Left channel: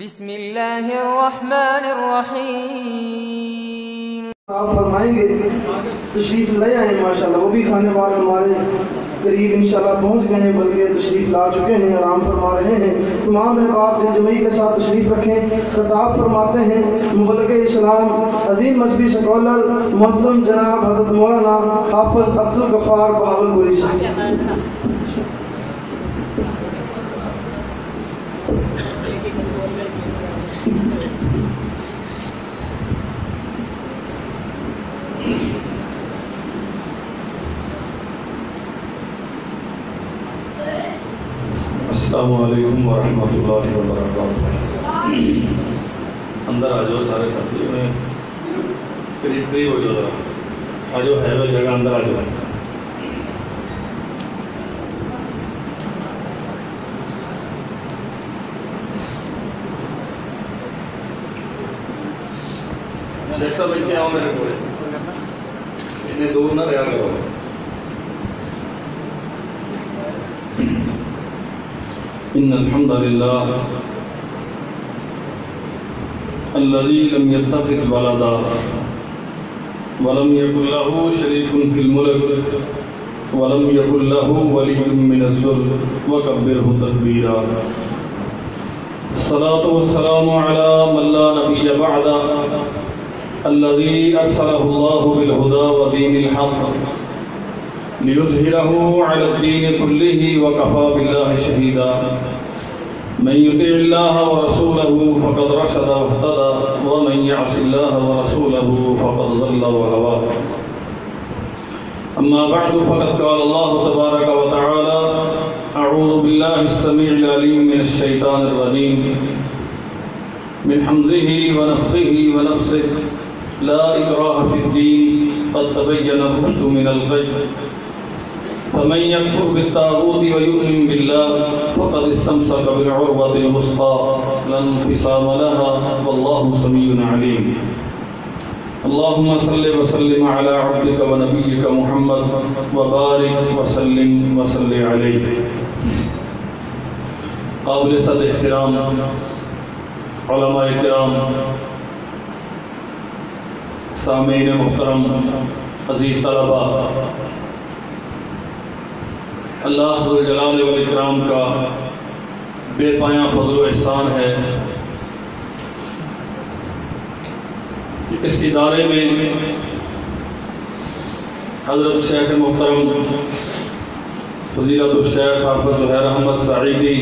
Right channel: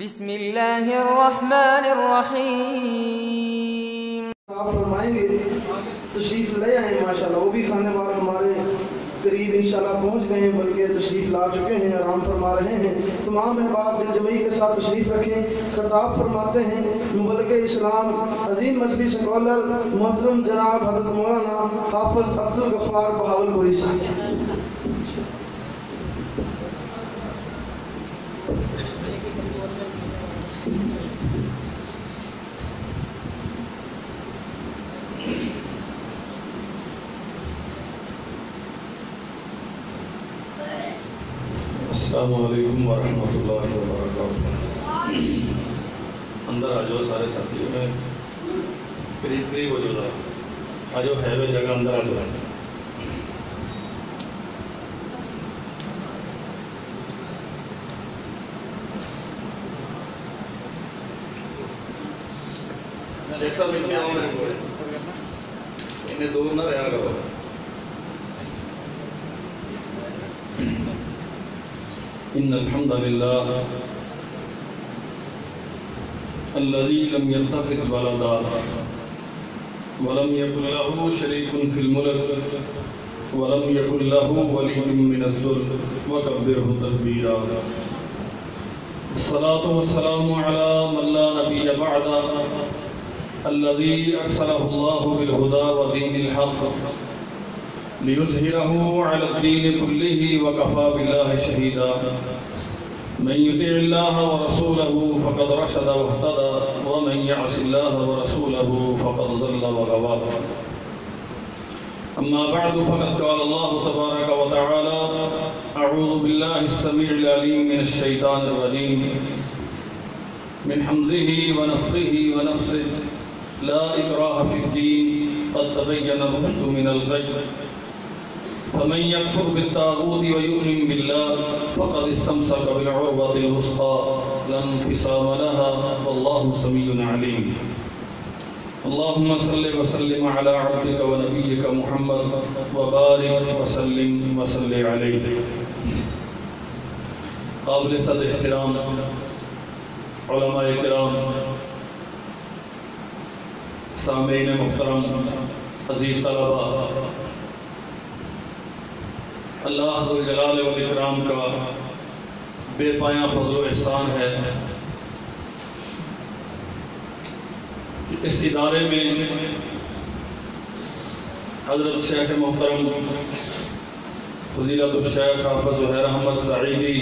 بسم اللہ الرحمن الرحیم۔ آپ فرمائیں گے تشریف لے آئیں ماشاءاللہ، وہ بھی کھانے والے ہمارے قریب انشاءاللہ پہنچ گئے ہیں، بلکہ تشریف لا چکے ہیں، آرام فرما رہے ہیں۔ تمام احباب دل جمعی کے ساتھ تشریف رکھیں۔ خطاب فرماتے ہیں مبلغ اسلام عظیم مذہبی سکولر محترم جناب حضرت مولانا حافظ عبدالغفار بہاولپوری صاحب۔ السلام علیکم ورحمۃ اللہ وبرکاتہ۔ اندر آ جاؤ سارے ساتھیوں میں قریب ہو جاؤ، ذرا آ جاؤ، ہے وہ جگہ، اندر آ جاؤ۔ شیخ صاحب ان کے آؤ میرے کو، انہیں دور نہ رہا کرو۔ إن الحمد لله الذي لم يتخذ ولدا ولم يكن له شريك في الملك ولم يكن له ولي من الذل وكبره تكبيرا۔ الصلاة والسلام على من لا نبي بعده الذي أرسله الله بالهدى ودين الحق ليظهره على الدين كله وكفى بالله شهيدا۔ من يطع الله ورسوله فقد رشد واهتدى ومن يعص الله ورسوله فقد ضل وغوى۔ أما بعد فقد قال الله تبارك وتعالى: أعوذ بالله السميع العليم من الشيطان الرجيم من حمزه ونفخه ونفثه لا إكراه في الدين قد تبين الرشد من الغي فمن يكفر بالطاغوت ويؤمن بالله فقد استمسك بالعروة الوثقى لا انفصام لها والله سميع عليم۔ اللهم صل وسلم على عبدك ونبيك محمد وبارك وسلم وصل عليه۔ قابل صد احترام علماء کرام، سامعین محترم، عزیز طلباء، اللہ ذوالجلال والاکرام کا بے پایاں فضل و احسان ہے کہ اس ادارے میں حضرت شیخ محترم فضیلت الشیخ حافظ زہیر احمد سعیدی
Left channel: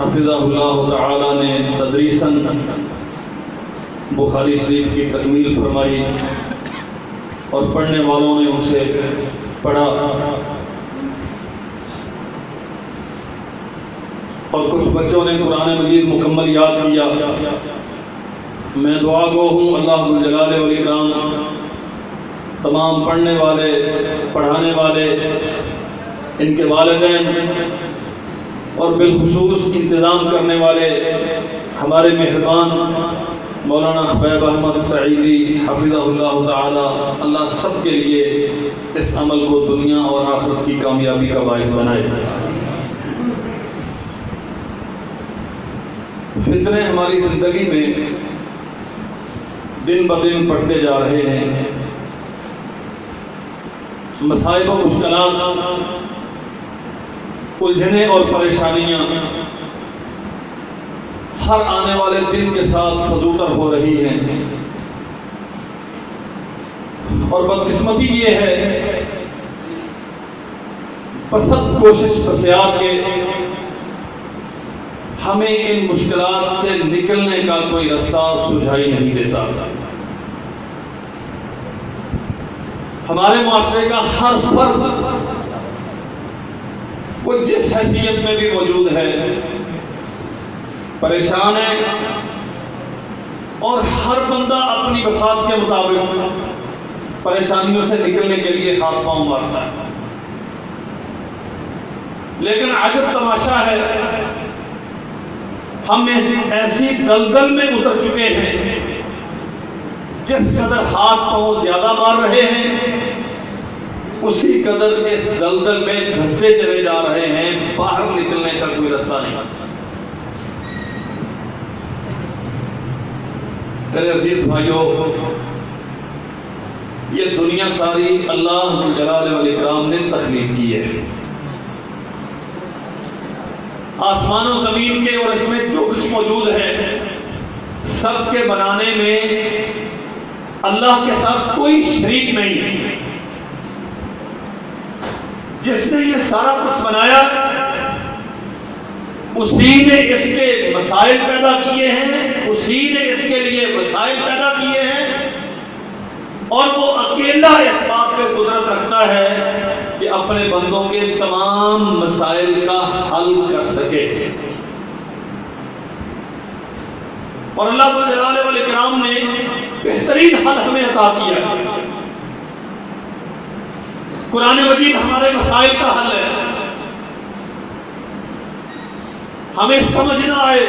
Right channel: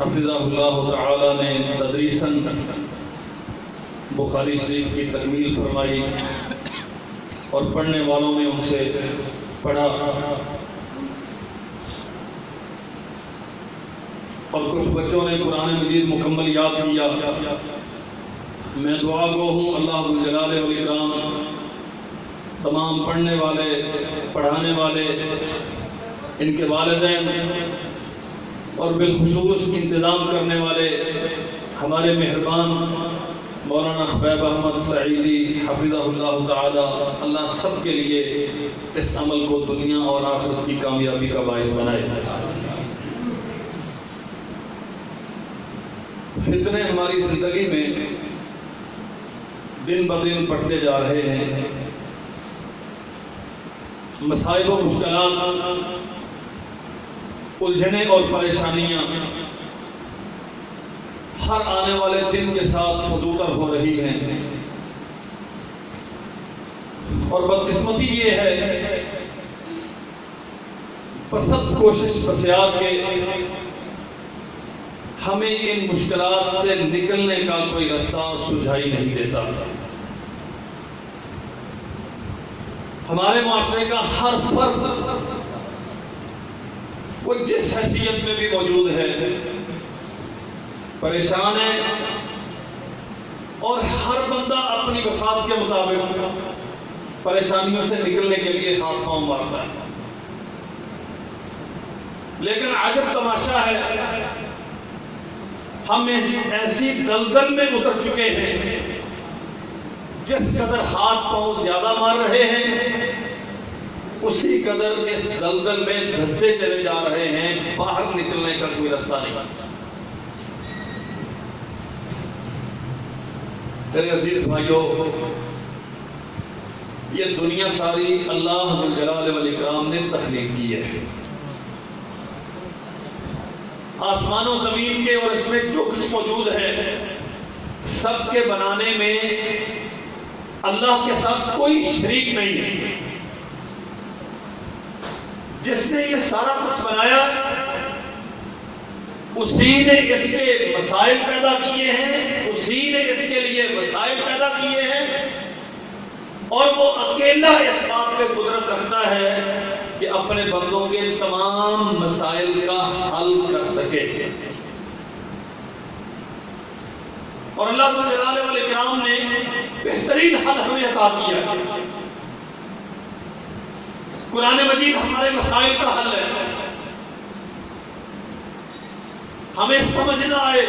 حفظہ اللہ تعالی نے تدریساً بخاری شریف کی تکمیل فرمائی اور پڑھنے والوں نے ان سے پڑھا، اور کچھ بچوں نے قرآن مجید مکمل یاد کیا۔ میں دعا گو ہوں اللہ ذوالجلال والاکرام تمام پڑھنے والے، پڑھانے والے، ان کے والدین اور بالخصوص انتظام کرنے والے ہمارے مہربان مولانا حبیب احمد سعیدی حفظہ اللہ تعالی، اللہ سب کے لیے اس عمل کو دنیا اور آخرت کی کامیابی کا باعث بنائے۔ فتنے ہماری زندگی میں دن بدن بڑھتے جا رہے ہیں، مصائب و مشکلات، الجھنیں اور پریشانیاں ہر آنے والے دن کے ساتھ فزوتر ہو رہی ہیں، اور بدقسمتی یہ ہے پرسد کوشش پرسیات کے ہمیں ان مشکلات سے نکلنے کا کوئی راستہ سجھائی نہیں دیتا۔ ہمارے معاشرے کا ہر فرد وہ جس حیثیت میں بھی موجود ہے پریشان ہے، اور ہر بندہ اپنی بساط کے مطابق پریشانیوں سے نکلنے کے لیے ہاتھ پاؤں مارتا ہے۔ لیکن عجب تماشا ہے، ہم ایسی دلدل میں اتر چکے ہیں، جس قدر ہاتھ پاؤں زیادہ مار رہے ہیں اسی قدر اس دلدل میں دھستے چلے جا رہے ہیں، باہر نکلنے کا کوئی راستہ نہیں۔ میرے عزیز بھائیوں، یہ دنیا ساری اللہ ذو الجلال والاکرام نے تخلیق کی ہے. آسمان و زمین کے اور اس میں جو کچھ موجود ہے سب کے بنانے میں اللہ کے ساتھ کوئی شریک نہیں ہے. جس نے یہ سارا کچھ بنایا اسی نے اس کے مسائل پیدا کیے ہیں، اسی نے اس کے لیے وسائل پیدا کیے ہیں، اور وہ اکیلا اس بات پہ قدرت رکھتا ہے کہ اپنے بندوں کے تمام مسائل کا حل کر سکے. اور اللہ ذو الجلال والاکرام نے بہترین حل ہمیں عطا کیا. قرآن مجید ہمارے مسائل کا حل ہے. ہمیں سمجھ نہ آئے،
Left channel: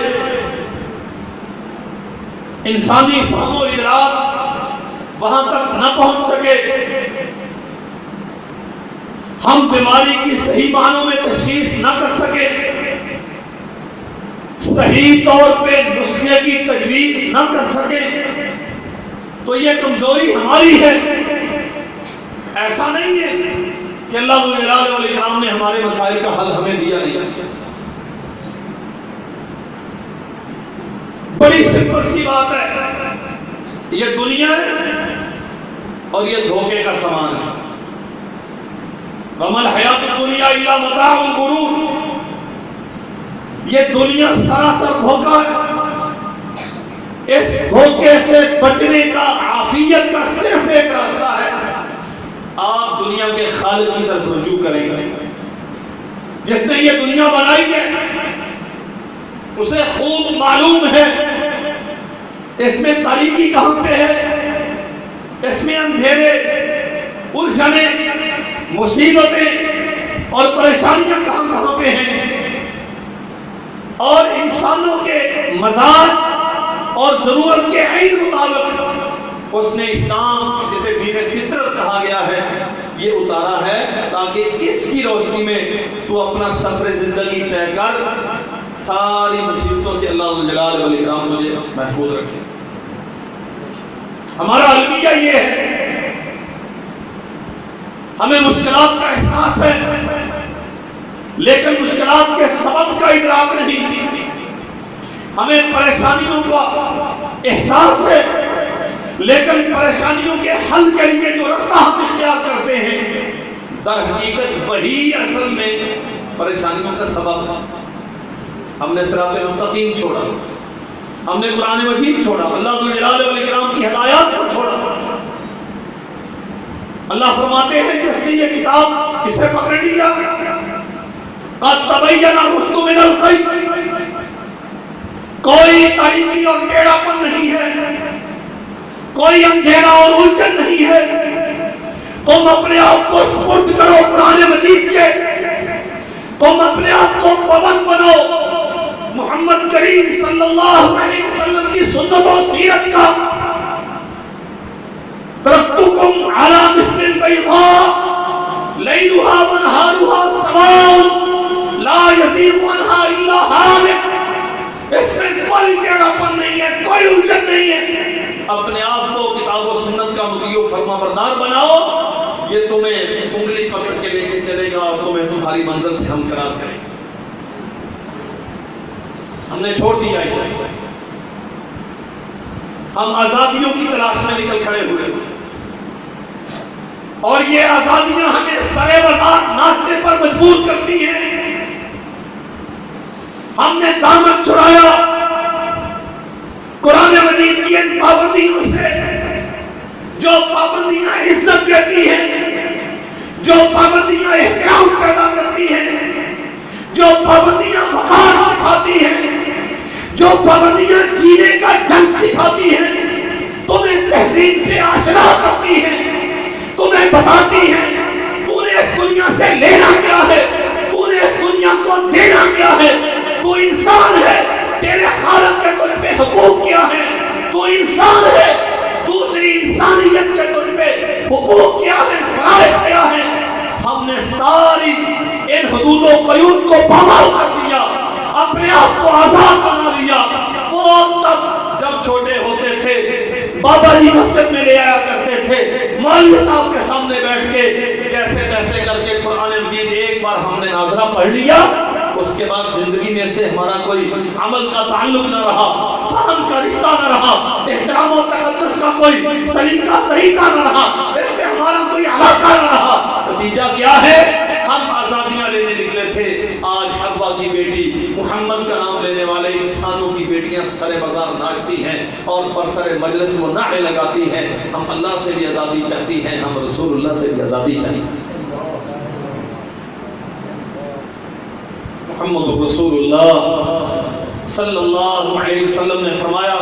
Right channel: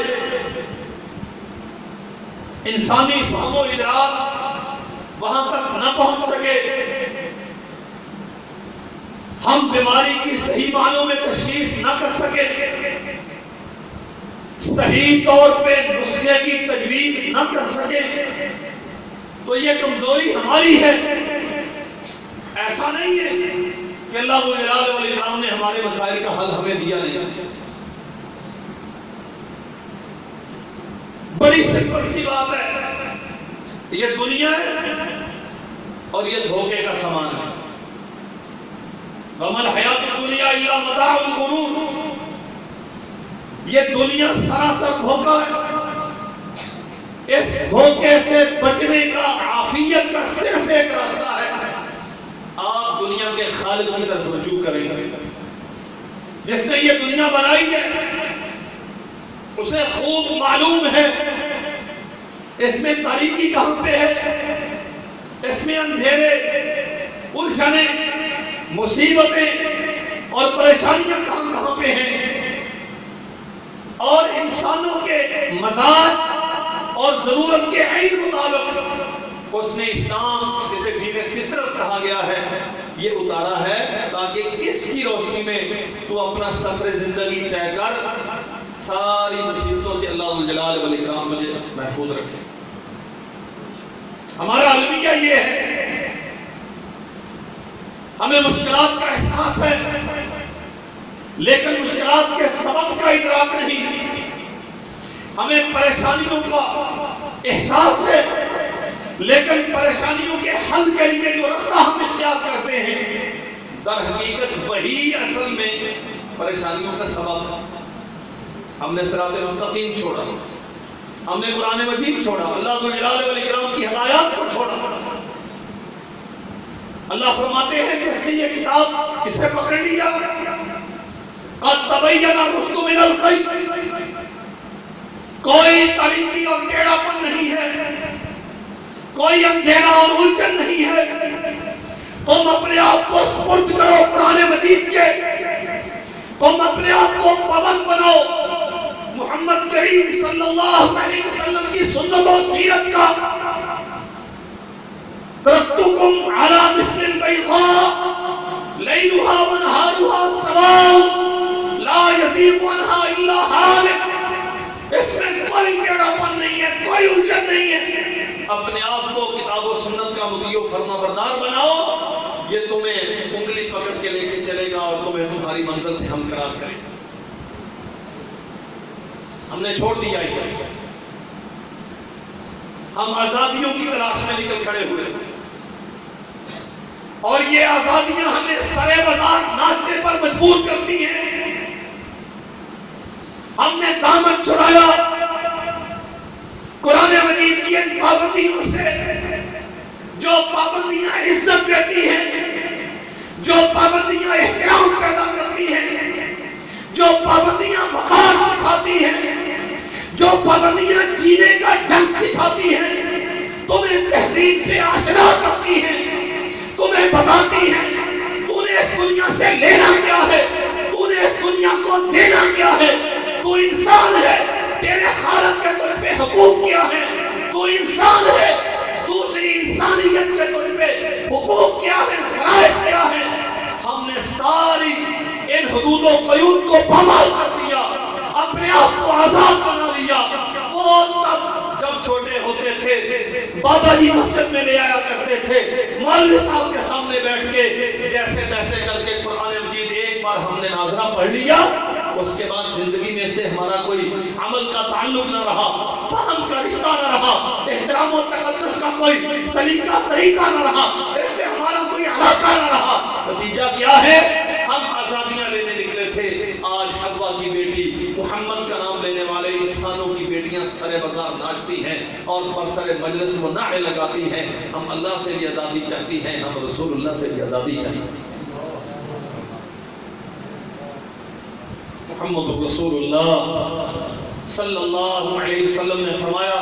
انسانی فہم و ادراک وہاں تک نہ پہنچ سکے، ہم بیماری کی صحیح معنوں میں تشخیص نہ کر سکے، صحیح طور پہ نسخے کی تجویز نہ کر سکے، تو یہ کمزوری ہماری ہے. ایسا نہیں ہے کہ اللہ ذو الجلال والاکرام نے ہمارے مسائل کا حل ہمیں دیا نہیں. بڑی سمپل سی بات ہے، یہ دنیا ہے اور یہ دھوکے کا سامان ہے. وَمَا الْحَيَاةُ الدُّنْيَا إِلَّا مَتَاعُ الْغُرُورِ. یہ دنیا سراسر دھوکہ ہے. اس دھوکے سے بچنے کا، عافیت کا صرف ایک راستہ ہے، آپ دنیا کے خالق کی طرف رجوع کریں گے. جس نے یہ دنیا بنائی ہے اسے خوب معلوم ہے اس میں تاریکی کہاں پہ ہے، اس میں اندھیرے، الجھنے، مصیبتیں اور پریشانیاں کہاں کہاں پہ ہیں. اور انسانوں کے مزاج اور ضرورت کے عین مطابق اس نے اسلام، جسے دین فطرت کہا گیا ہے، یہ اتارا ہے تاکہ اس کی روشنی میں تو اپنا سفر زندگی طے کر ساری مصیبتوں سے اللہ ذو الجلال والاکرام مجھے محفوظ رکھے. ہمارا المیہ یہ ہے، ہمیں مشکلات کا احساس ہے لیکن مشکلات کے سبب کا ادراک نہیں. ہمیں پریشانیوں کا احساس ہے لیکن پریشانیوں کے حل کے لیے جو رستہ ہم اختیار کرتے ہیں در حقیقت وہی اصل میں پریشانیوں کا سبب ہے. ہم نے صراط مستقیم چھوڑا، ہم نے قرآن مجید چھوڑا، اللہ ذو الجلال والاکرام کی ہدایات کو چھوڑا. اللہ فرماتے ہیں کہ اس نے یہ کتاب کسے پکڑ لیا؟ قد تبین الرشد من الغی. کوئی تاریکی اور ٹیڑھا پن نہیں ہے، کوئی اندھیرا اور الجھن نہیں ہے. تم اپنے آپ کو سپرد کرو قرآن مجید کے، تم اپنے آپ کو پابند بنو محمد کریم صلی اللہ علیہ وسلم کی سنت و سیرت کا. ترکتکم علی مثل البیضاء لیلها ونہارها سواء لا یزیغ عنہا الا ہالک. اس میں کوئی ٹیڑھاپن نہیں ہے، کوئی الجھن نہیں ہے. اپنے آپ کو کتاب و سنت کا مطیع و فرما بردار بناؤ، یہ تمہیں انگلی پکڑ کے لے کے چلے گا اور تمہیں تمہاری منزل سے ہمکنار کرے گا. ہم نے چھوڑ دیا اسے، ہم آزادیوں کی تلاش میں نکل کھڑے ہوئے اور یہ آزادیاں ہمیں سرے بازار ناچنے پر مجبور کرتی ہیں. ہم نے دامن چھڑایا قرآن مجید کی ان پابندیوں سے، جو پابندیاں عزت دیتی ہیں، جو پابندیاں احترام پیدا کرتی ہیں، جو پابندیاں وقار سکھاتی ہیں، جو پابندیاں جینے کا ڈھنگ سکھاتی ہیں، تمہیں تہذیب سے آشنا کرتی ہیں، تمہیں بتاتی ہیں تو نے اس دنیا سے لینا کیا ہے، تو نے اس دنیا کو دینا کیا ہے. تو انسان ہے، تیرے خالق کے تجھ پہ حقوق کیا ہے، تو انسان ہے، دوسری انسانیت کے تجھ پہ حقوق کیا ہے، فرائض کیا ہے. ہم نے ساری ان حدود و قیود کو پامال کر دیا، اپنے آپ کو آزاد بنا لیا. وہ تب جب چھوٹے ہوتے تھے بابا جی مسجد میں لے آیا کرتے تھے، مولوی صاحب کے سامنے بیٹھ کے جیسے تیسے کر کے قرآن مجید ایک بار ہم نے ناظرہ پڑھ لیا، اس کے بعد زندگی میں سے ہمارا کوئی عمل کا تعلق نہ رہا، فہم کا رشتہ نہ رہا، احترام و تقدس کا کوئی طریقہ نہ رہا، اس سے ہمارا کوئی علاقہ نہ رہا۔ نتیجہ کیا ہے؟ ہم آزادیاں لینے نکلے تھے، آج حوا کی بیٹی محمد کا نام لینے والے انسانوں کی بیٹیاں سر بازار ناچتی ہیں اور پر سر مجلس وہ نعرے لگاتی ہیں۔ ہم اللہ سے بھی آزادی چاہتی ہیں، ہم رسول اللہ سے بھی آزادی چاہتی ہیں۔ محمد رسول اللہ صلی اللہ علیہ وسلم نے فرمایا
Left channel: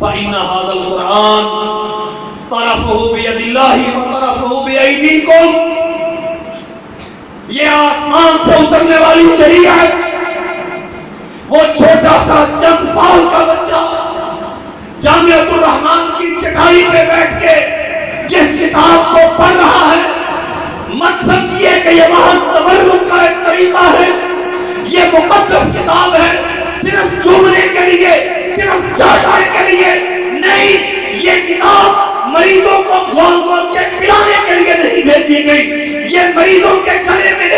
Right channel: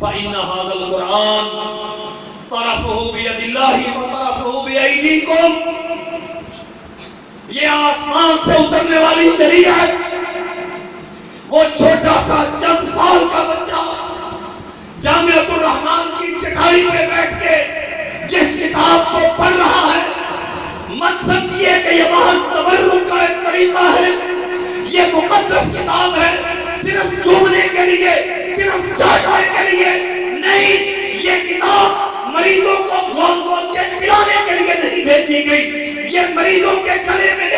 فَإِنَّ هَذَا الْقُرْآنَ طَرَفُهُ بِيَدِ اللَّهِ وَطَرَفُهُ بِأَيْدِيكُمْ، یہ آسمان سے اترنے والی شریعت، وہ چھوٹا سا چند سال کا بچہ جامعۃ الرحمن کی چٹائی پہ بیٹھ کے جس کتاب کو پڑھ رہا ہے، مت سمجھیے کہ یہ محض تبرک کا ایک طریقہ ہے، یہ مقدس کتاب ہے صرف چومنے کے لیے، صرف چاٹنے کے لیے نہیں۔ یہ کتاب مریضوں کو کھول کھول کے پلانے کے لیے نہیں بھیجی گئی، یہ مریضوں کے گلے میں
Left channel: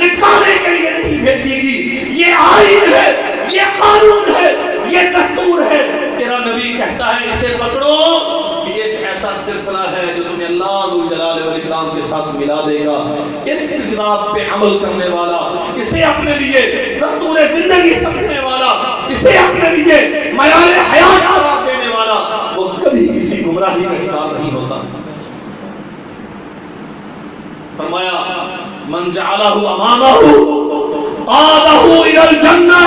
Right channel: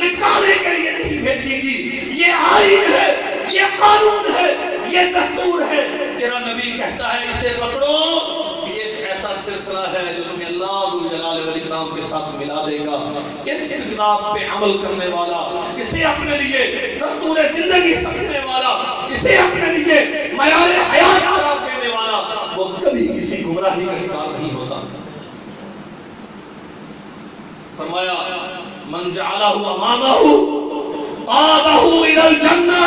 لٹکانے کے لیے نہیں بھیجی گئی، یہ آئین ہے، یہ قانون ہے، یہ دستور ہے۔ تیرا نبی کہتا ہے اسے پکڑو، یہ ایک ایسا سلسلہ ہے جو تمہیں اللہ ذو جلال والاکرام کے ساتھ ملا دے گا۔ اس کتاب پہ عمل کرنے والا، اسے اپنے لیے دستور زندگی سمجھنے والا، اسے اپنے لیے معیار حیات قرار دینے والا، وہ کبھی کسی گمراہی کا شکار نہیں ہوتا۔ فرمایا من جعلہ امامہ قادہ الی الجنہ،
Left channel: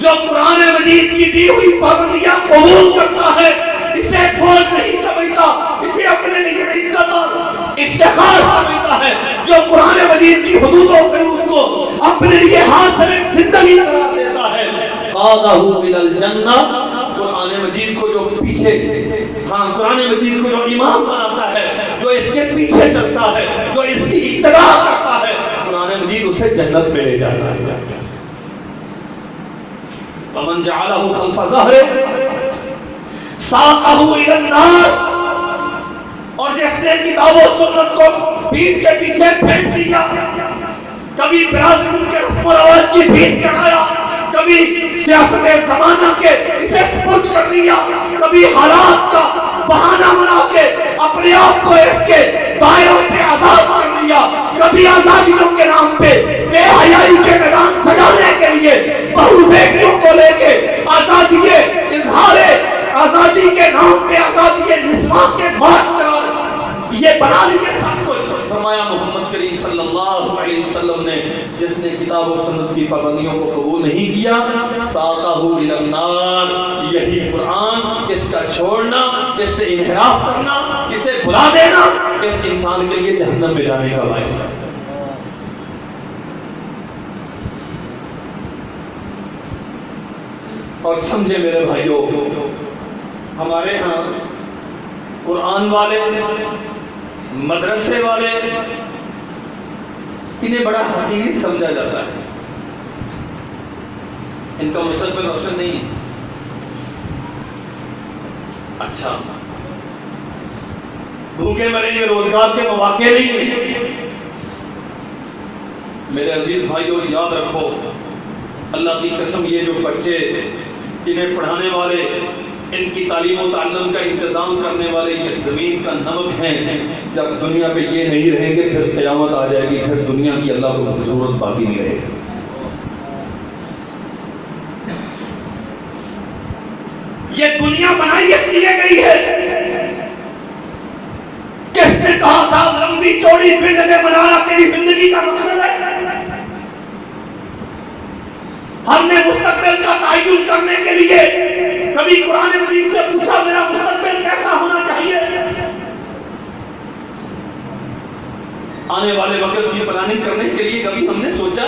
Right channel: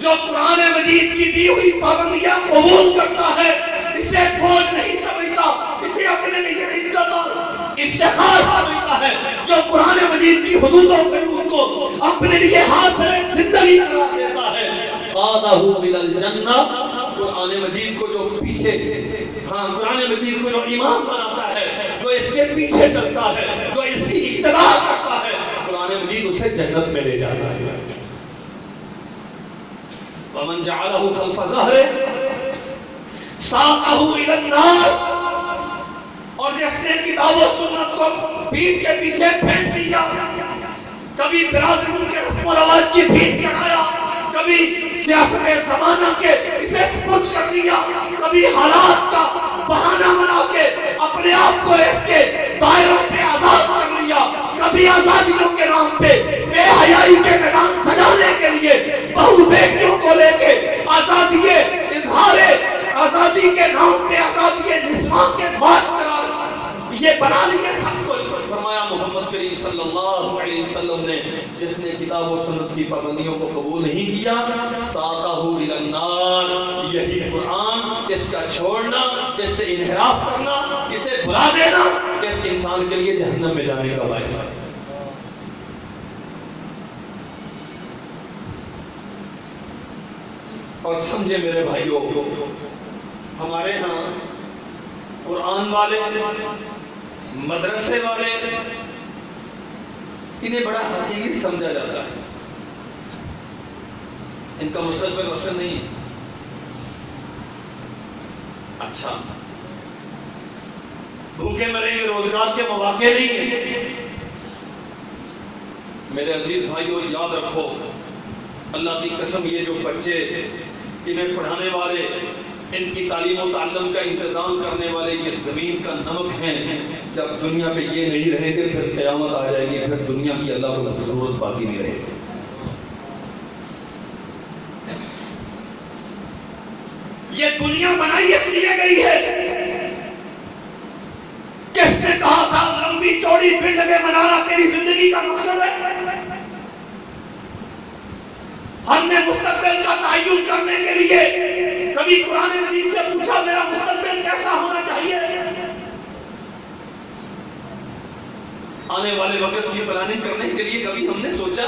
جو قرآن مجید کی دی ہوئی پابندیاں قبول کرتا ہے، اسے بوجھ نہیں سمجھتا، اسے اپنے لیے عزت اور افتخار سمجھتا ہے، جو قرآن مجید کی حدود و قیود کو اپنے لیے حاصل زندگی قرار دیتا ہے، قادہ الی الجنہ، قرآن مجید کو جو پیچھے، قرآن مجید کو جو امام بناتا ہے، جو اس کے پیچھے چلتا ہے، جو اس کی اتباع کرتا ہے، قرآن مجید اسے جنت میں لے جاتا ہے۔ ومن جعلہ خلف ظہرہ ساقہ الی النار، اور جس نے کتاب و سنت کو پیٹھ کے پیچھے پھینک دیا، کبھی برادری کے رسم و رواج کی بھیٹ چڑھایا، کبھی سیاست زمانہ کے اسے سپرد کر دیا، کبھی حالات کا بہانہ بنا کے اپنے آپ کو اس کے دائروں سے آزاد کر لیا، کبھی آزادیوں کے نام پہ بے حیائی کے میدان سجانے کے لیے بہو بیٹیوں کو لے کے آزادی اظہار آزادی کے نام پہ آزادی نسواں کے مارچ کرا یہ بنا لیے سب کچھ۔ فرمایا محمد کریم صلی اللہ علیہ وسلم نے جس نے کتاب و سنت کی پابندیوں کو قبول نہیں کیا، ساقہ الی النار، یہی قرآن، اس کا چھوڑنا، اس سے انحراف کرنا، اسے بھلا دینا، اس انسان کے لیے جہنم میں جانے کا باعث ہے۔ اور سمجھے میرے بھائیوں، ہمارے ہاں قرآن والے، مدرسے والے، انہیں بڑا حقیر سمجھا جاتا ہے، ان کا مستقبل روشن نہیں ہے۔ اچھا، بھوکے مریں گے، روزگار کے مواقع نہیں ہیں۔ میرے عزیز بھائیوں، یاد رکھو، اللہ کی قسم، یہ جو بچے، انہیں پڑھانے والے، ان کی تعلیم و تعلم کا انتظام کرنے والے یہ زمین کا نمک ہیں، جب دنیا پہ یہ نہیں رہیں گے پھر قیامت آ جائے گی، پھر دنیا کی اللہ کو ضرورت باقی نہیں رہے گی۔ یہ دنیا بنائی اس لیے گئی ہے، کس نے کہا تھا لمبی چوڑی بلڈنگیں بنانا تیری زندگی کا مقصد ہے؟ ہم نے مستقبل کا تعین کرنے کے لیے کبھی قرآن مجید سے پوچھا میرا مستقبل کیسا ہونا چاہیے؟ آنے والے وقت کی پلاننگ کرنے کے لیے کبھی ہم نے سوچا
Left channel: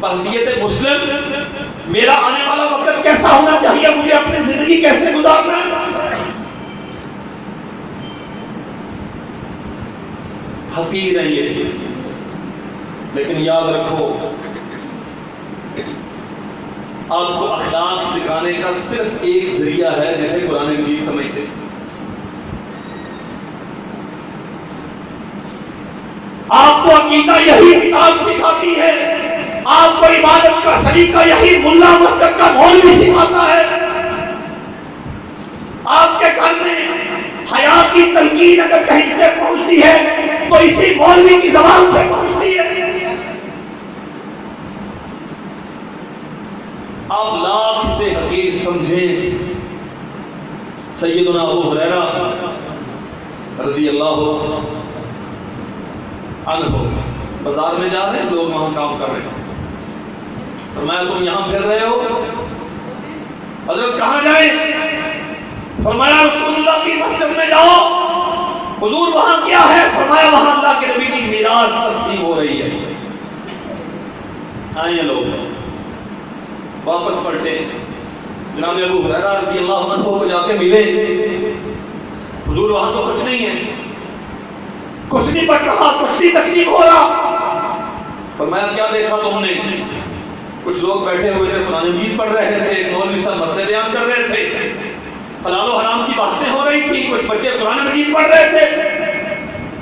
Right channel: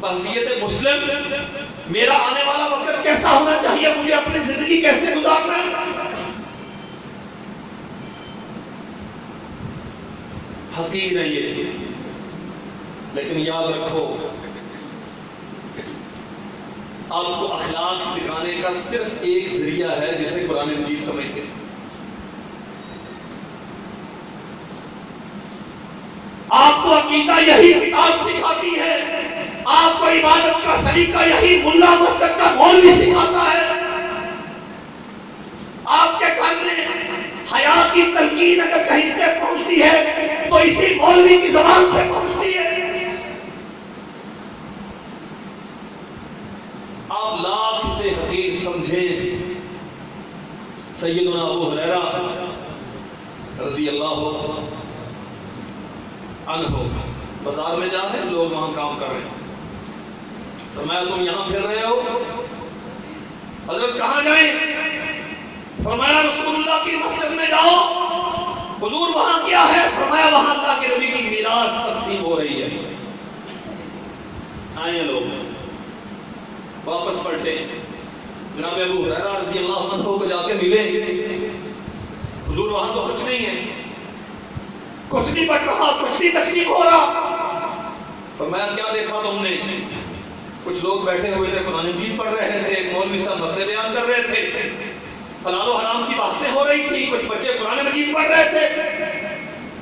بحیثیت مسلم میرا آنے والا وقت کیسا ہونا چاہیے، مجھے اپنی زندگی کیسے گزارنا ہے؟ حقیر ہے یہ، لیکن یاد رکھو آپ کو اخلاق سکھانے کا صرف ایک ذریعہ ہے جسے قرآن مجید سمجھتے ہیں. آپ کو عقیدہ یہی کتاب سکھاتی ہے، آپ کو عبادت کا طریقہ یہی ملا مسجد کا مولوی سکھاتا ہے. آپ کے گھر میں حیا کی تلقین اگر کہیں سے پہنچتی ہے تو اسی مولوی کی زبان سے پہنچتی ہے. آپ لاکھ سے حقیر سمجھیں. سیدنا ابو ہریرہ رضی اللہ عنہ بازار میں جا رہے ہیں، لوگ وہاں کام کر رہے ہیں. فرمایا تم یہاں پھر رہے ہو؟ حضرت کہاں جائیں؟ فرمایا رسول اللہ کی مسجد میں جاؤ. حضور وہاں کیا ہے؟ فرمایا وہاں اللہ کے نبی کی میراث تقسیم ہو رہی ہے. آئیے لوگ واپس پلٹے. جناب ابو ہریرہ رضی اللہ عنہ کو جا کے ملے. حضور وہاں تو کچھ نہیں ہے، کچھ نہیں بٹ رہا، کچھ نہیں تقسیم ہو رہا. فرمایا کیا دیکھا تم نے؟ کچھ لوگ بیٹھے ہوئے تھے، قرآن مجید پڑھ رہے تھے، ایک مولوی صاحب مسئلے بیان کر رہے تھے، حلال و حرام کی باتیں ہو رہی تھی، کچھ بچے قرآن مجید پڑھ رہے تھے،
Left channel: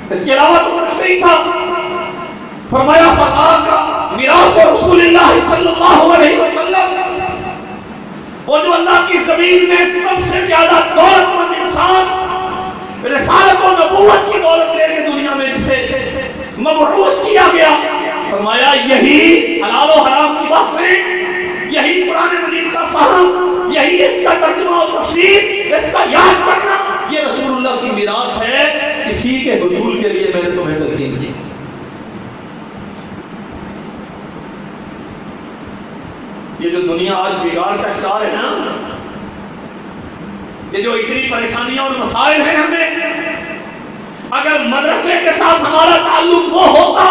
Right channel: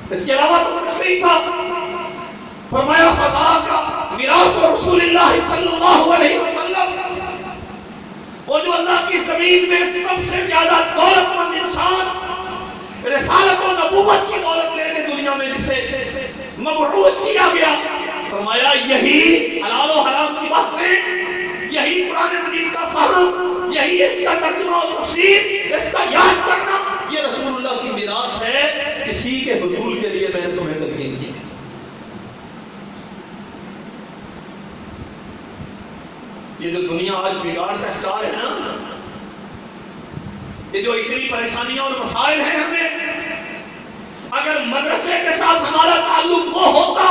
اس کے علاوہ تو کچھ نہیں تھا. فرمایا فَذَاكَ مِيرَاثُ رسول اللہ صلی اللہ علیہ وسلم، وہ جو اللہ کی زمین میں سب سے زیادہ دولت مند انسان رسالت و نبوت کی دولت لے کے دنیا میں جسے مبعوث کیا گیا، فرمایا یہی حلال و حرام کی بات سے، یہی قرآن مجید کا فہم، یہی اس کا ترجمہ و تفسیر، اس کا یاد کرنا، یہ رسول اللہ کی میراث ہے. اسی کے حصول کے لیے میں نے تمہیں تلقین کی تھی. یہ جو دنیا آج بگاڑ کا شکار ہے نا، یہ جو اتنی پریشانیاں اور مسائل ہیں ہمیں، اگر مدرسے کے ساتھ ہمارا تعلق وہ ہوتا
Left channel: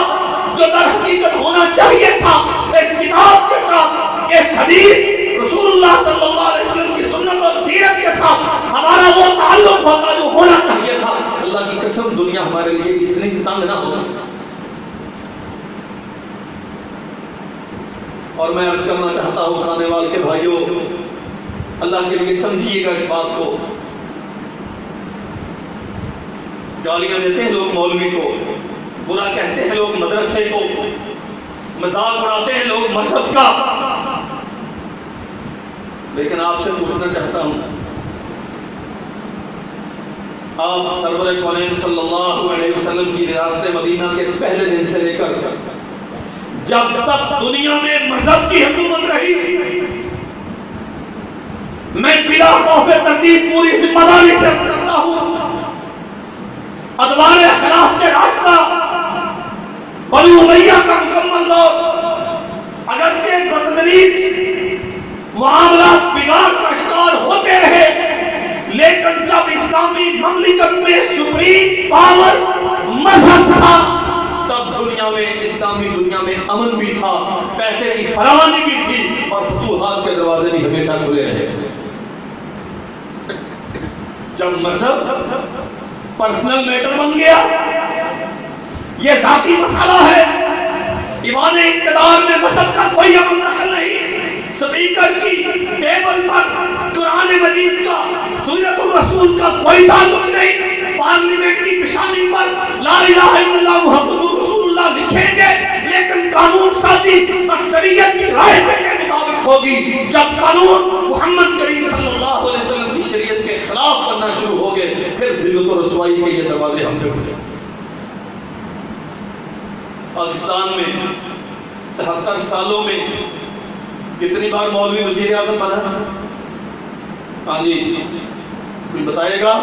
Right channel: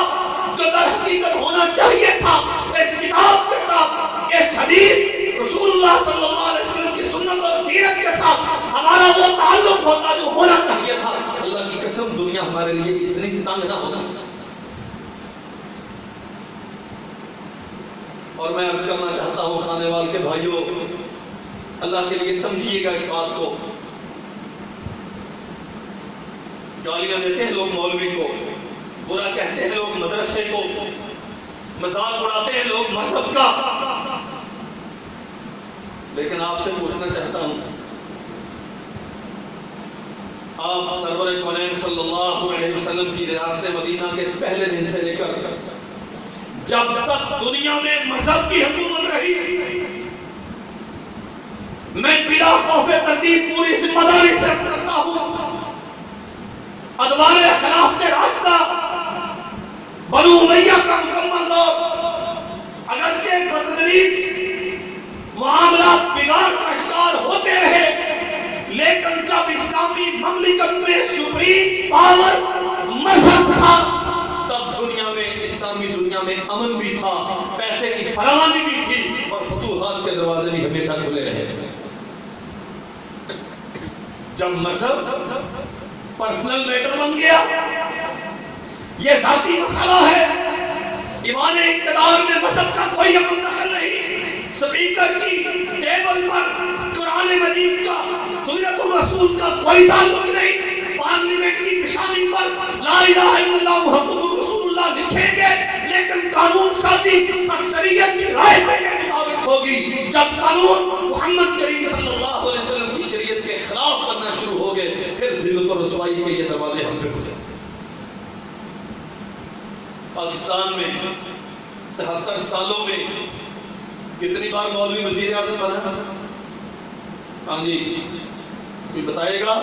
جو در حقیقت ہونا چاہیے تھا، اس کتاب کے ساتھ، اس حدیث رسول اللہ صلی اللہ علیہ وسلم کی سنت اور سیرت کے ساتھ ہمارا وہ تعلق ہوتا جو ہونا چاہیے تھا، اللہ کی قسم دنیا ہمارے لیے اتنی تنگ نہ ہوتا. اور میں عرض کرنا چاہتا ہوں کھانے وال کے بھائیوں، اللہ کے لیے سمجھیے گا اس بات کو. گالیاں دیتے ہیں لوگ مولوی کو، برا کہتے ہیں لوگ مدرسے کو، مذاق اڑاتے ہیں لوگ مذہب کا، لیکن آپ سے پوچھنا چاہتا ہوں، آپ سرور کونین صلی اللہ علیہ وسلم کی ریاست مدینہ کے پہلے دن سے لے کر جب تک دنیا میں مذہب کی حکومت رہی، میں بلا خوف تکلیف پوری ذمہ داری سے کرتا ہوں، ادوار خلاف کے راستہ بنو امیہ کا مکمل دور اگرچہ بدتریز معاملات بگاڑ کا شکار ہوتے رہے، لیکن جب اسلامی مملکت میں سپریم پاور مذہب تھا تب دنیا میں، اسلامی دنیا میں امن بھی تھا، پیسے کی فراوانی بھی تھی، اور فتوحات کے دروازے بھی ہمیشہ کھلے رہے. جب مذہب پرسنل میٹر بن گیا، یہ ذاتی مسئلہ ہے، ایوان اقتدار میں مذہب کا کوئی عمل دخل نہیں، سپیکر کی ٹیبل پر قرآن مجید کا، سیرت الرسول کا کوئی تعلق نہیں، پارلیمنٹ کی پیشانی پر لا الہ الا اللہ محمد رسول اللہ لکھیں گے، لیکن قانون سازی اکثریت کی رائے کے مطابق ہوگی. جب قانون محمد کریم صلی اللہ علیہ وسلم کی شریعت کے خلاف کرنا شروع ہو گئے، پھر ذلت و رسوائی کے یہ دروازے ہم پہ کھلے. پاکستان میں 73 سالوں میں کتنی بار مولوی وزیر اعظم بنا؟ ہاں جی، کوئی بتائے گا؟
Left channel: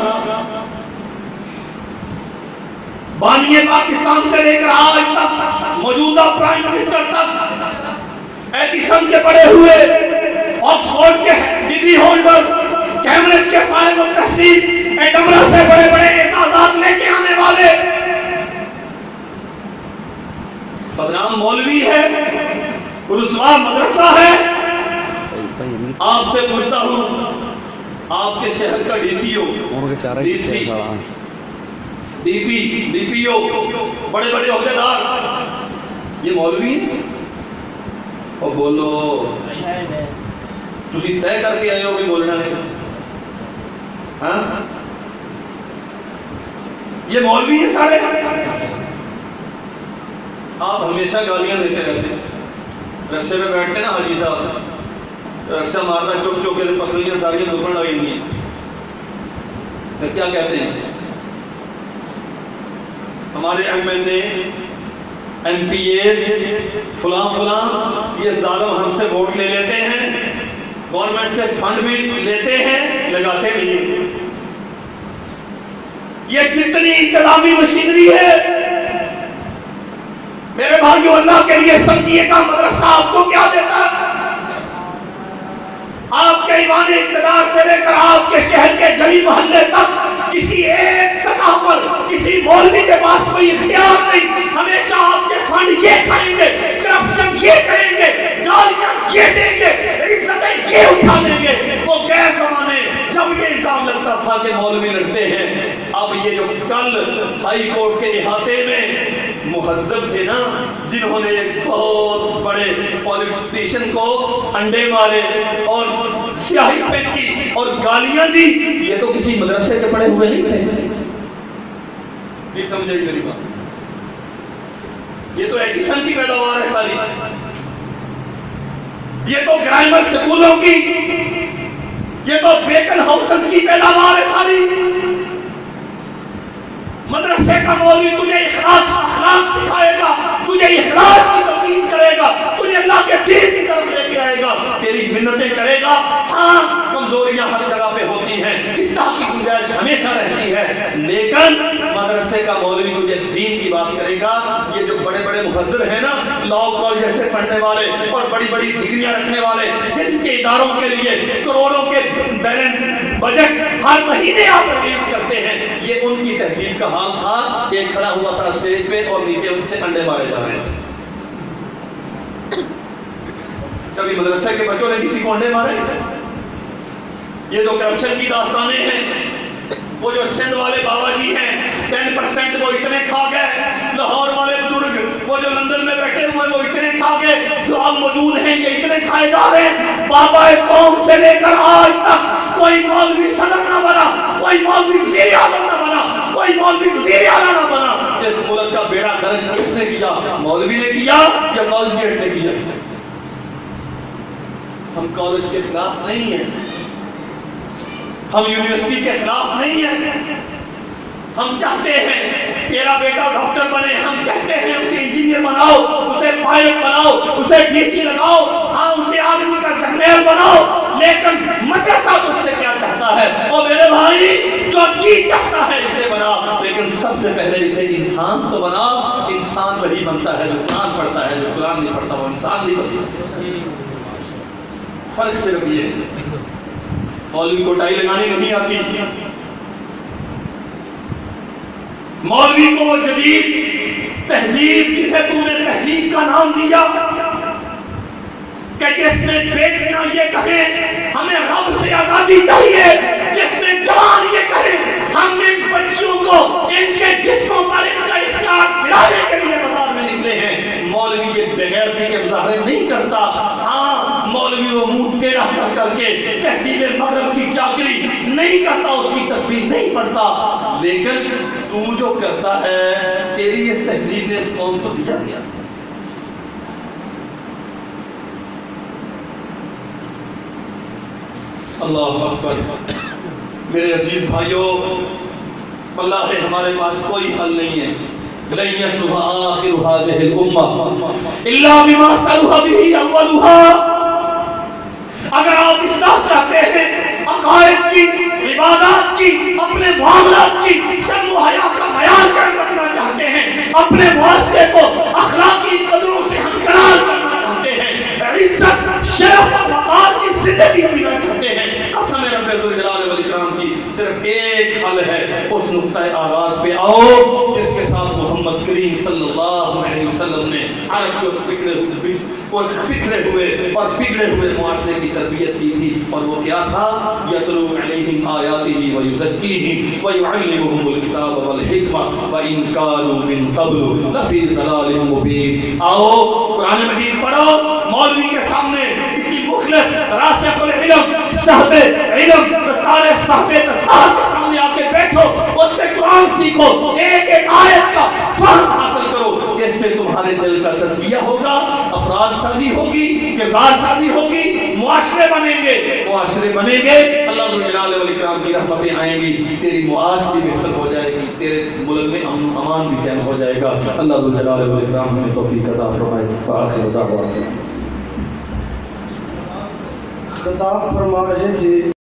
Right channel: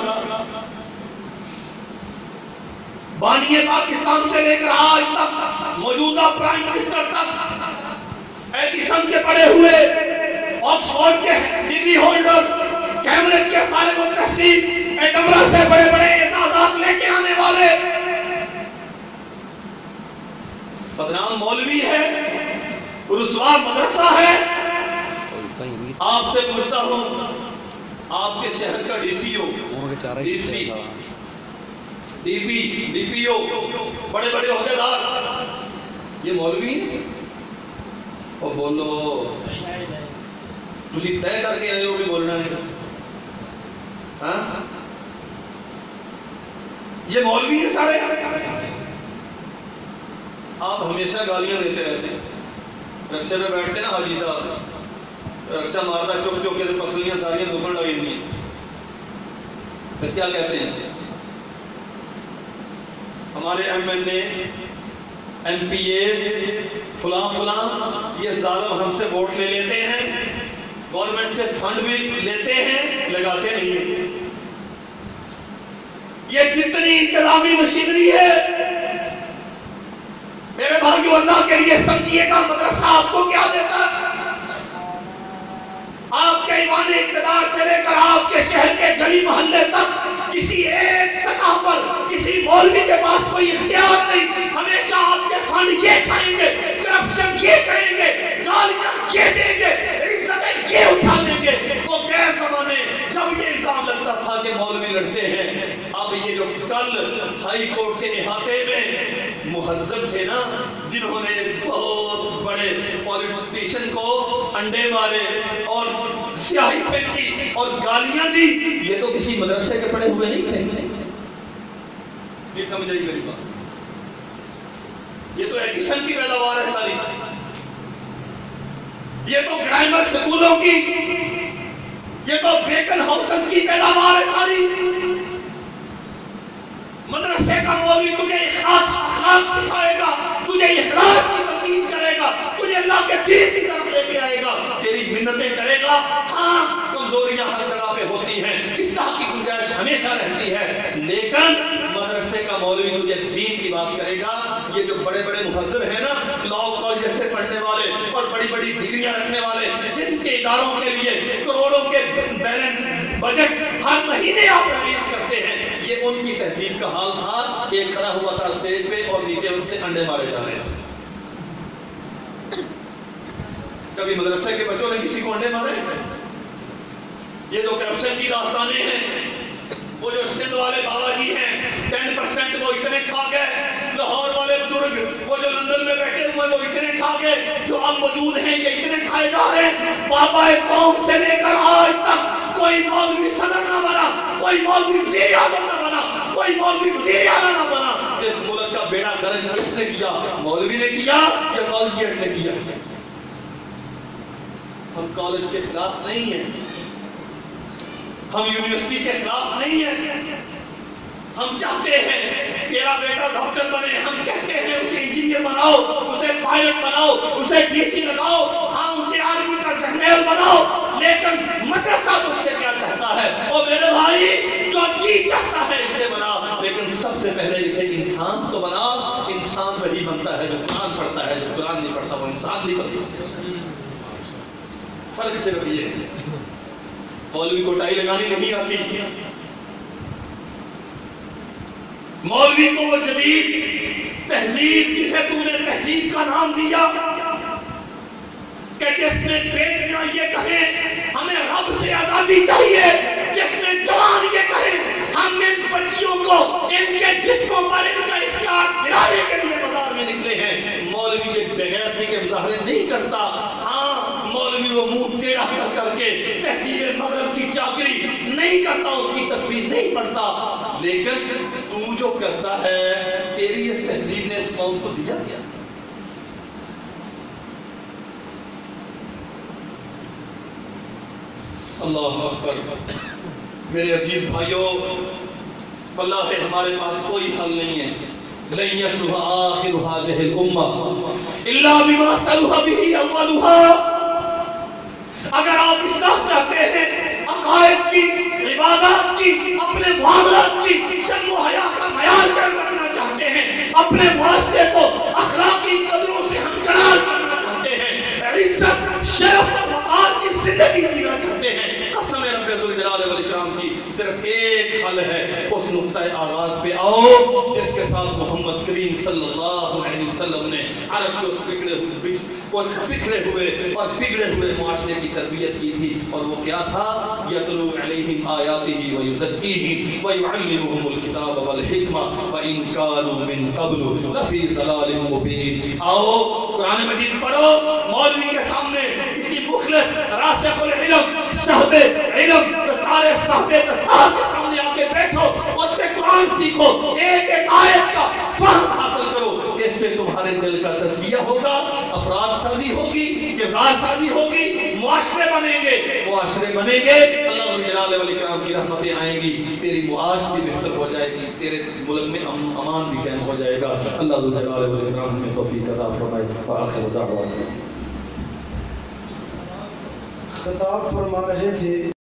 بانی پاکستان سے لے کر آج تک موجودہ پرائم منسٹر تک، ایجیسن کے پڑے ہوئے، آکسفورڈ کے ڈگری ہولڈر، کیمبرج کے فارغ التحصیل، ایڈنبرا سے بڑے بڑے اعزازات لے کے آنے والے بدنام مولوی ہے، رسوا مدرسہ ہے. آپ سے پوچھتا ہوں، آپ کے شہر کا D C O, D C, D P, D P O, بڑے بڑے عہدیدار، یہ مولوی؟ اور بولو تسی طے کر کے آئے ہو بھی بولنا ہے؟ ہاں یہ مولوی ہیں سارے؟ آپ ہمیشہ گالیاں دیتے رہتے ہیں، رکشے پہ بیٹھتے نا حاجی صاحب، رکشہ مارتا چوک چوک کے پسلیاں ساریاں دکھن لگیں گی، پھر کیا کہتے ہیں؟ ہمارے M L A M P S فلاں فلاں یہ ظالم ہم سے ووٹ لے لیتے ہیں، گورنمنٹ سے فنڈ بھی لیتے ہیں، لگاتے نہیں ہیں۔ یہ جتنی انتظامی مشینری ہے میرے بھائیو، اللہ کے لیے سمجھیے گا مدرسہ آپ کو کیا دیتا ہے؟ آپ کے ایوان اقتدار سے لے کر آپ کے شہر کے گلی محلے تک کسی ایک سطح پر کسی مولوی کے پاس کوئی اختیار نہیں، ہمیشہ آپ کے فنڈ یہ کھائیں گے، کرپشن یہ کریں گے، گالیاں یہ دیں گے، عزتیں یہ اٹھا دیں گے۔ وہ غیر زمانے جب یہ الزام لگتا تھا کہ مولوی لڑتے ہیں، اب یہ جو کل ہائی کورٹ کے احاطے میں مہذب تھے نا، جنہوں نے ایک بہت بڑے پولیٹیشن کو انڈے مارے اور سیاہی پھینکی اور گالیاں دی، یہ تو کسی مدرسے کے پڑھے ہوئے نہیں تھے۔ نہیں سمجھے میری بات؟ یہ تو ایجیسن کی پیداوار ہے ساری، یہ تو گرائمر سکولوں کی، یہ تو بیکن ہاؤسز کی پیداوار ہے ساری۔ مدرسے کا مولوی تجھے اخلاق سکھائے گا، تجھے اخلاق کی تمرین کرے گا، تجھے اللہ کے دین کی طرف لے کے آئے گا، تیری منتیں کرے گا۔ ہاں کمزوریاں ہر جگہ پہ ہوتی ہیں، اصلاح کی گنجائش ہمیشہ رہتی ہے، لیکن مدرسے کا مولوی تجھے دین کی بات کرے گا۔ یہ جو بڑے بڑے مہذب ہیں نا، لاء کالج سے پڑھنے والے اور بڑی بڑی ڈگریاں رکھنے والے، جن کے اداروں کے لیے کروڑوں کے بیلنس بجٹ ہر مہینے آپ ریلیز کرتے ہیں، یہ ان کی تہذیب کا حال تھا۔ ایک کھڑا ہوا تھا اسٹیج پہ اور نیچے ان سے انڈے مارے جا رہے تھے۔ کبھی مدرسہ کے بچوں نے کسی کو انڈے مارے؟ یہ تو کرپشن کی داستانیں ہیں۔ وہ جو سندھ والے بابا جی ہیں 10% وہ اتنے کھا گئے، لاہور والے بزرگ وہ جو لندن میں بیٹھے ہوئے وہ اتنے کھا گئے، جو اب موجود ہیں یہ اتنے کھائے جا رہے ہیں۔ بابا قوم سے لے کر آج تک کوئی مولوی صدر نہ بنا، کوئی مولوی وزیر اعظم نہ بنا، کوئی مولوی وزیر اعلیٰ نہ بنا۔ اس ملک کا بیڑا غرق کس نے کیا؟ مولوی نے کیا یا کالجیٹ نے کیا؟ ہم کالج کے خلاف نہیں ہیں، ہم یونیورسٹی کے خلاف نہیں ہیں، ہم چاہتے ہیں تیرا بیٹا ڈاکٹر بنے، ہم کہتے ہیں اسے انجینئر بناؤ، اسے پائلٹ بناؤ، اسے ڈی سی لگاؤ، ہاں اسے آرمی کا جنرل بناؤ، لیکن مدرسہ تجھ سے کیا چاہتا ہے؟ اور میرے بھائی جو چیز چاہتا ہے اسے بنا، لیکن سب سے پہلے اسے انسان تو بنا۔ انسان وہی بنتا ہے جو قرآن پڑھتا ہے، جو قرآن نہیں پڑھتا وہ انسان نہیں بنتا۔ فرق صرف یہ ہے، مولوی کو ٹائی لگانی نہیں آتی، مولوی کو وہ جدید تہذیب جسے تو نے تہذیب کا نام دیا کہ جس میں بیٹیاں یہ کہیں ہمیں رب سے آزادی چاہیے، جس میں جوان یہ کہیں ہم ان بچیوں کو ان کے جسموں پر ان کا اختیار دلانے کے لیے بازار میں نکلے ہیں۔ مولوی یہ بغیرتی کے مظاہرے نہیں کرتا، ہاں مولوی وہ منہ ٹیڑھا کر کے تہذیب مغرب کی چاکری نہیں کرتا، اس کی تصویر نہیں پڑھتا، لیکن تو جو کرتا ہے تیری اس تہذیب نے اس قوم کو دیا گیا۔ اللہ اکبر۔ میرے عزیز بھائیوں، اللہ ہے ہمارے پاس کوئی حل نہیں ہے۔ لن يصلح آخر هذه الأمة إلا بما صلح به أولها۔ اگر آپ اصلاح چاہتے ہیں عقائد کی، عبادات کی، اپنے معاملات کی، شرم و حیا کا خیال رکھنا چاہتے ہیں، اپنے معاشرے کو اخلاقی قدروں سے ہمکنار کرنا چاہتے ہیں، عزت شرف اور وقار کی زندگی جینا چاہتے ہیں، قسم رب ذوالجلال والاکرام کی صرف ایک حل ہے، اس نقطۂ آغاز پہ آؤ جس کے ساتھ محمد کریم صلی اللہ علیہ وسلم نے عرب کے اس بکھرے ہوئے اور بگڑے ہوئے معاشرے کی تربیت کی تھی، اور وہ کیا تھا؟ یتلو علیہم آیاتہ ویزکیہم ویعلمہم الکتاب والحکمہ وإن کانوا من قبل لفی ضلال مبین۔ آؤ قرآن مجید پڑھو، مولوی کے سامنے کسی مخلص راسخ العلم صاحب علم دستار صاحب دستار کے سامنے آ کے بیٹھو، اس سے قرآن سیکھو، ایک ایک آیت کا فہم حاصل کرو، اس سے تمہارے دل کا تزکیہ ہوگا، افراد سازی ہوگی، کردار سازی ہوگی، معاشرے بنیں گے، معاشرے بنیں گے، اللہ جلال والاکرام کی رحمتیں آئیں گی، تیری معاش بھی بہتر ہو جائے گی، تیرے ملک میں امن امان بھی قائم ہو جائے گا۔ اللہ جلال والاکرام ہمیں توفیق عطا فرمائے۔ آخر دعوانا خطاب فرما رہے تھے